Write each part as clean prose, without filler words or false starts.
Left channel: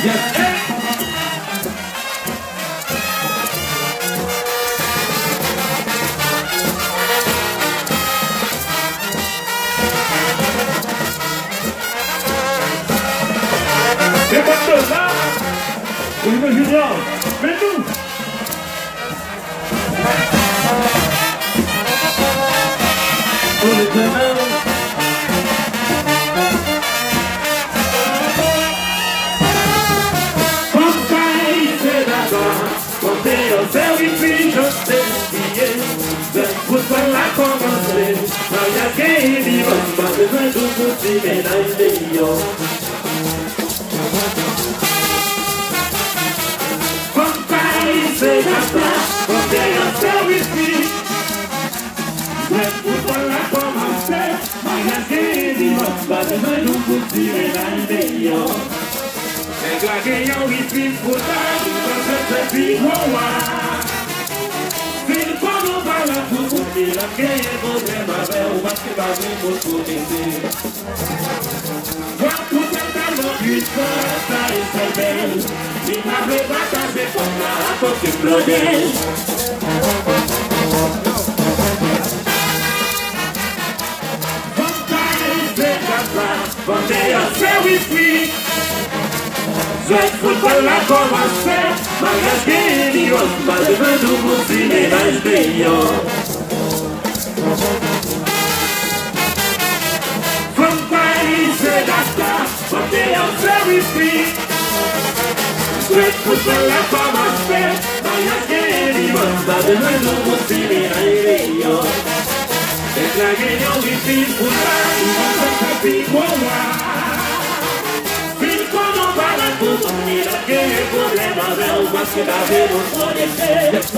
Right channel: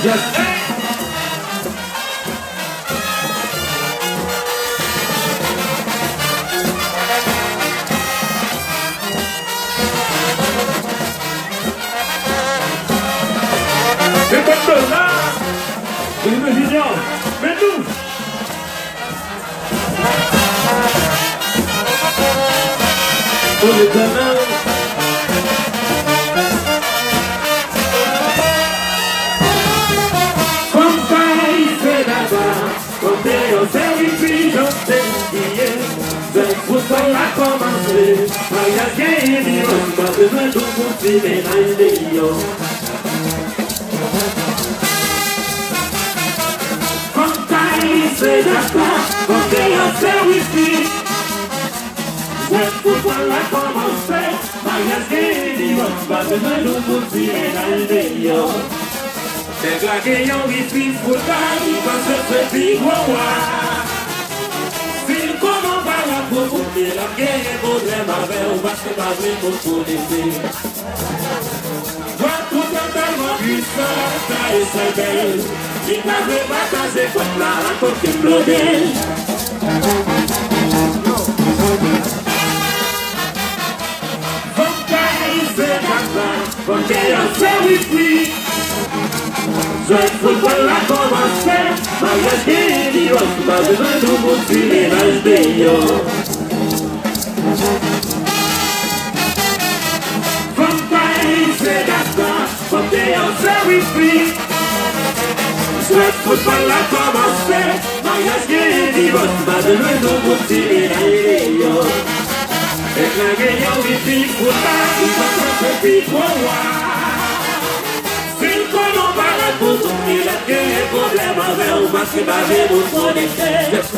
C'est pas de là, une vignette, mais nous. Pour les donneurs. Comme Paris, c'est d'accord, comme t'es au service, je t'ai oublié. Le football a commencé, mais y'a qu'un dimanche, pas besoin de continuer dans les millions. C'est d'accord, comme t'es au service, le football a commencé, mais y'a qu'un dimanche, pas besoin de continuer dans les millions. C'est claqué, y'en ici, football, il va se faire waouh. Il a bien un problème avec le match qui va venir pour connaître. Vois tout un talent du sol, ça et c'est belle. Il n'avait pas passé comme la raconte qui explodait. Comme Paris, c'est Dakar, comme t'es en service. Le football a commencé, mais est-ce qu'il y a pas besoin de vous tirer dans le pays? From Paris, c'est Dakar, comme t'es en service. Le football a commencé, mais est-ce qu'il y a pas besoin de vous tirer dans le pays? C'est la gagnante ici, football, il va se faire quoi? Il a qu'un problème avec le match qui va venir pour connaître.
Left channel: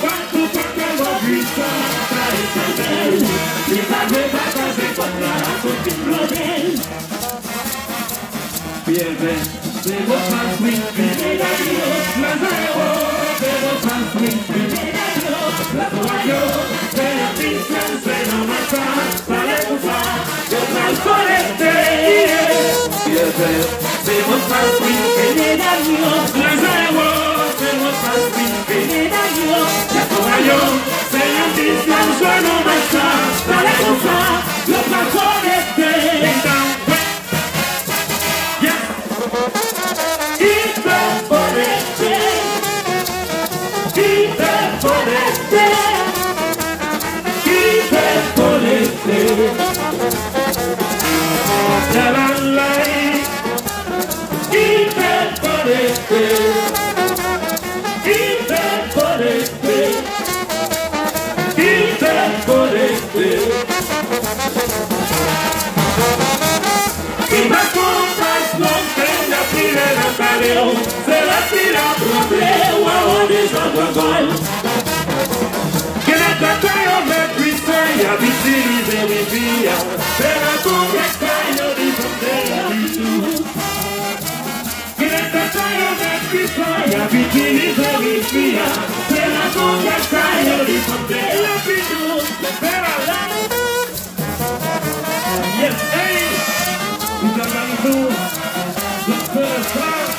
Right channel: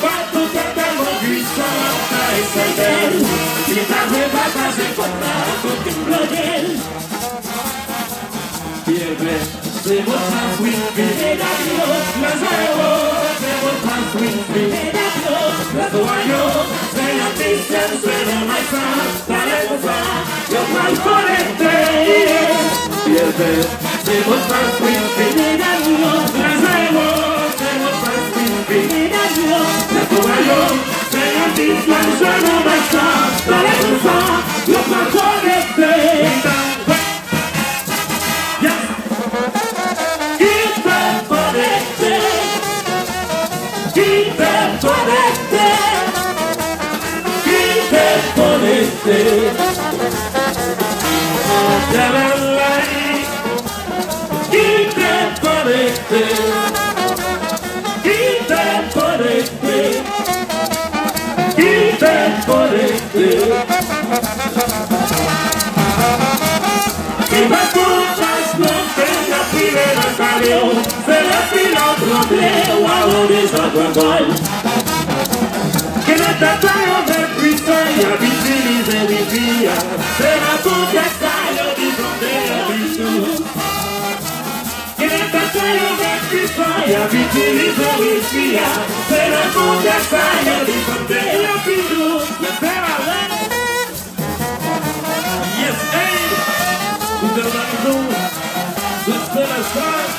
Pas tout un talent du sang, ça et c'est belle. Il n'avait pas passé comme la raconte qui explodait. Bien, bien, c'est votre France, oui, vivez d'ailleurs. Le zéro, c'est votre France, oui, vivez d'ailleurs. Le royaume, c'est l'ambition, c'est le massacre. Parlez-vous ça, le mal connecté. Bien, bien. C'est votre face, oui, venez d'ailleurs. Le zéro, c'est votre face, oui, venez d'ailleurs. Le royaume, c'est l'ambition, je n'en mets ça. Parlez comme ça, le pas connecté. Yes. Hyper connecté. Hyper connecté. Hyper connecté. Il va qu'on fasse l'entrée, la pile et la carrière. C'est la pile à trembler, ou à rouler sans contrôle. Quel est ta taille avec puissant, il y a utilisé Wi-Fi. C'est la confiance, il y a utilisé Wi-Fi. Quel est ta taille avec puissant, il y a utilisé Wi-Fi. C'est la confiance, il y a utilisé Wi-Fi. Le père à l'homme. Yes, hey! Vous avez raison. Le père à l'homme.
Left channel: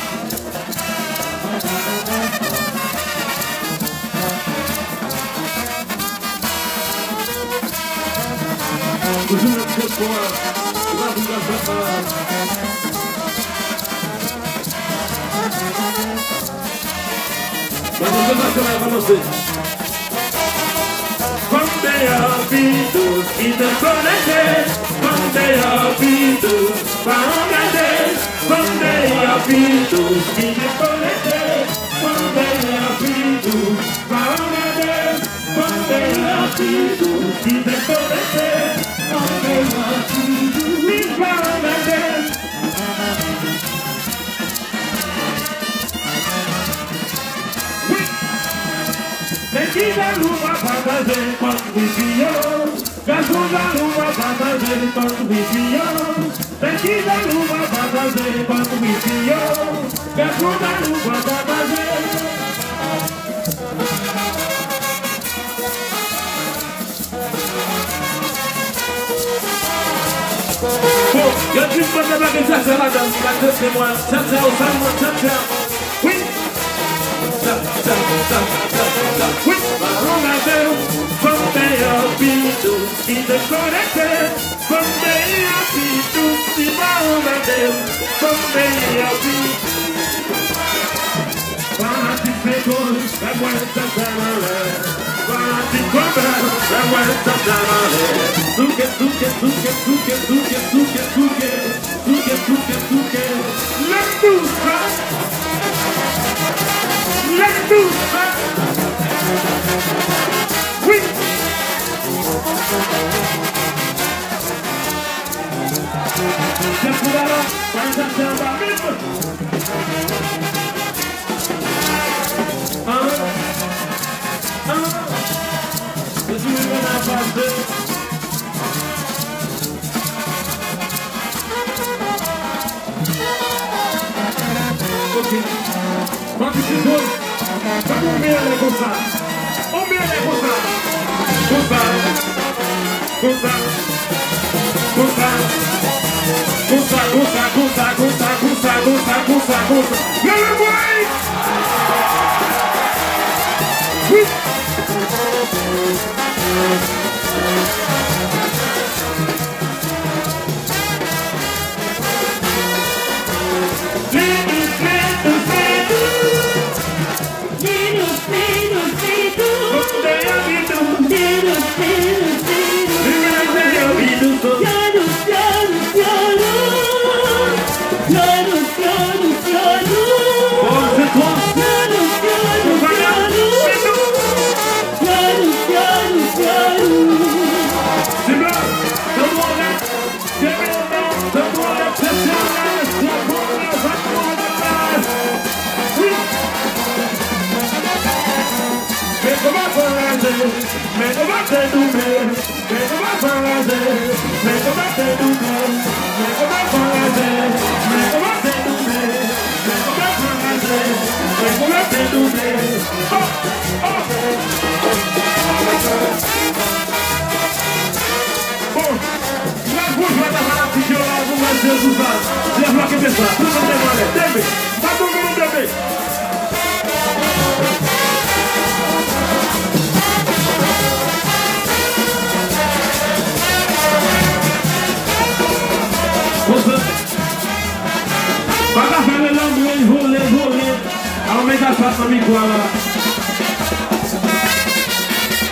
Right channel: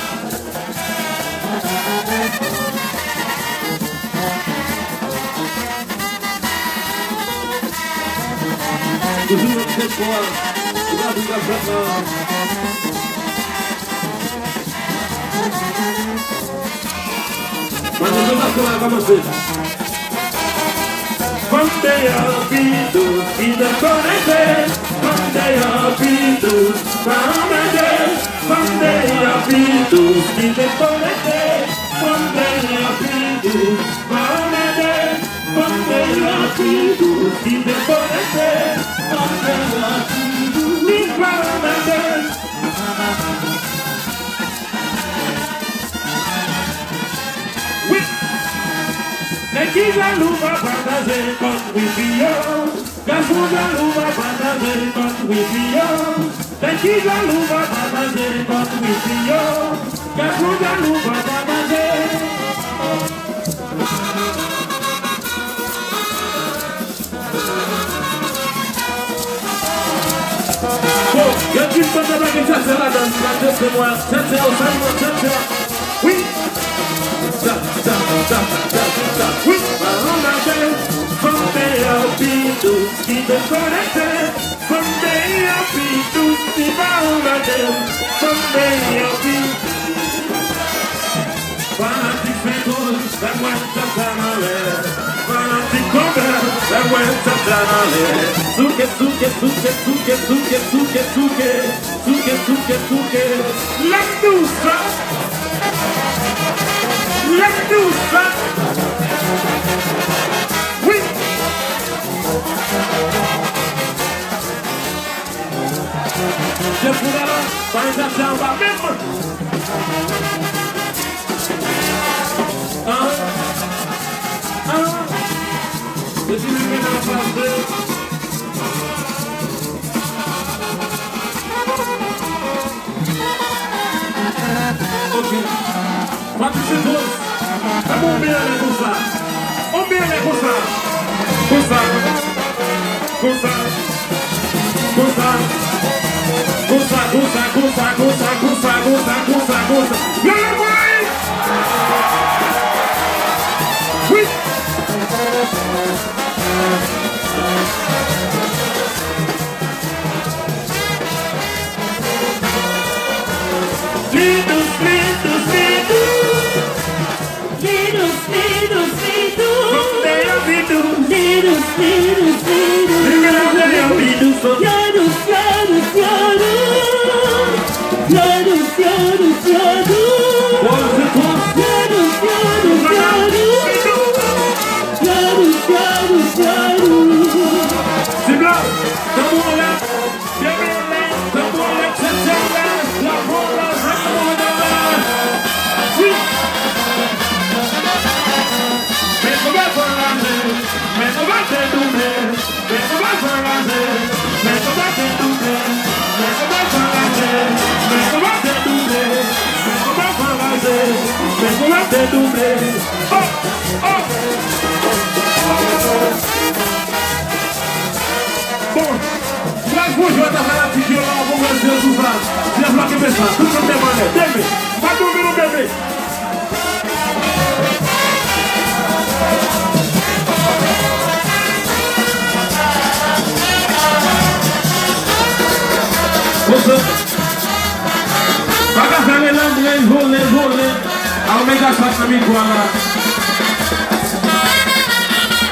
Toujours avec cette voix, la vie à Zata. Manifestation va commencer. From there I'll be those in the connected. From there I'll be those found again. From there I'll be those in the connected. From there I'll be those found again. From there I'll be those in the connected. From there I'll be those found again. Tequila luva bagaze con whisky-o. Gasolina luva bagaze con whisky-o. Tequila luva bagaze con whisky-o. Gasolina luva bagaze. Oh, get you pas de blague, ça c'est madame, c'est moi, ça c'est au sein de moi, ça. Oui. Ça, oui. On a deux, from there, B2, qui déconnecte, from there, B2, qui va on a deux, from there, B2. Quanti secondi, la guarda da male, quanti come, la guarda da male. Suke, suke, suke, suke, suke, suke, suke, suke, suke, suke. Lectusa, lectusa. Oui. Je pourrais pas ça va même. Je suis venu à la face. Ok. Ma petite chose. On vient les cosas. On vient les cosas. Cosas. Cosas. Cosas. Cosas, cosas, cosas, cosas, cosas, cosas, cosas, cosas. Le boy! Oui!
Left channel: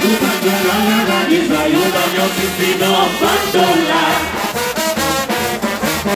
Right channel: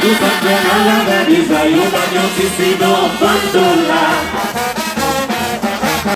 Tu también a la nariz hay un baño que se no abandona.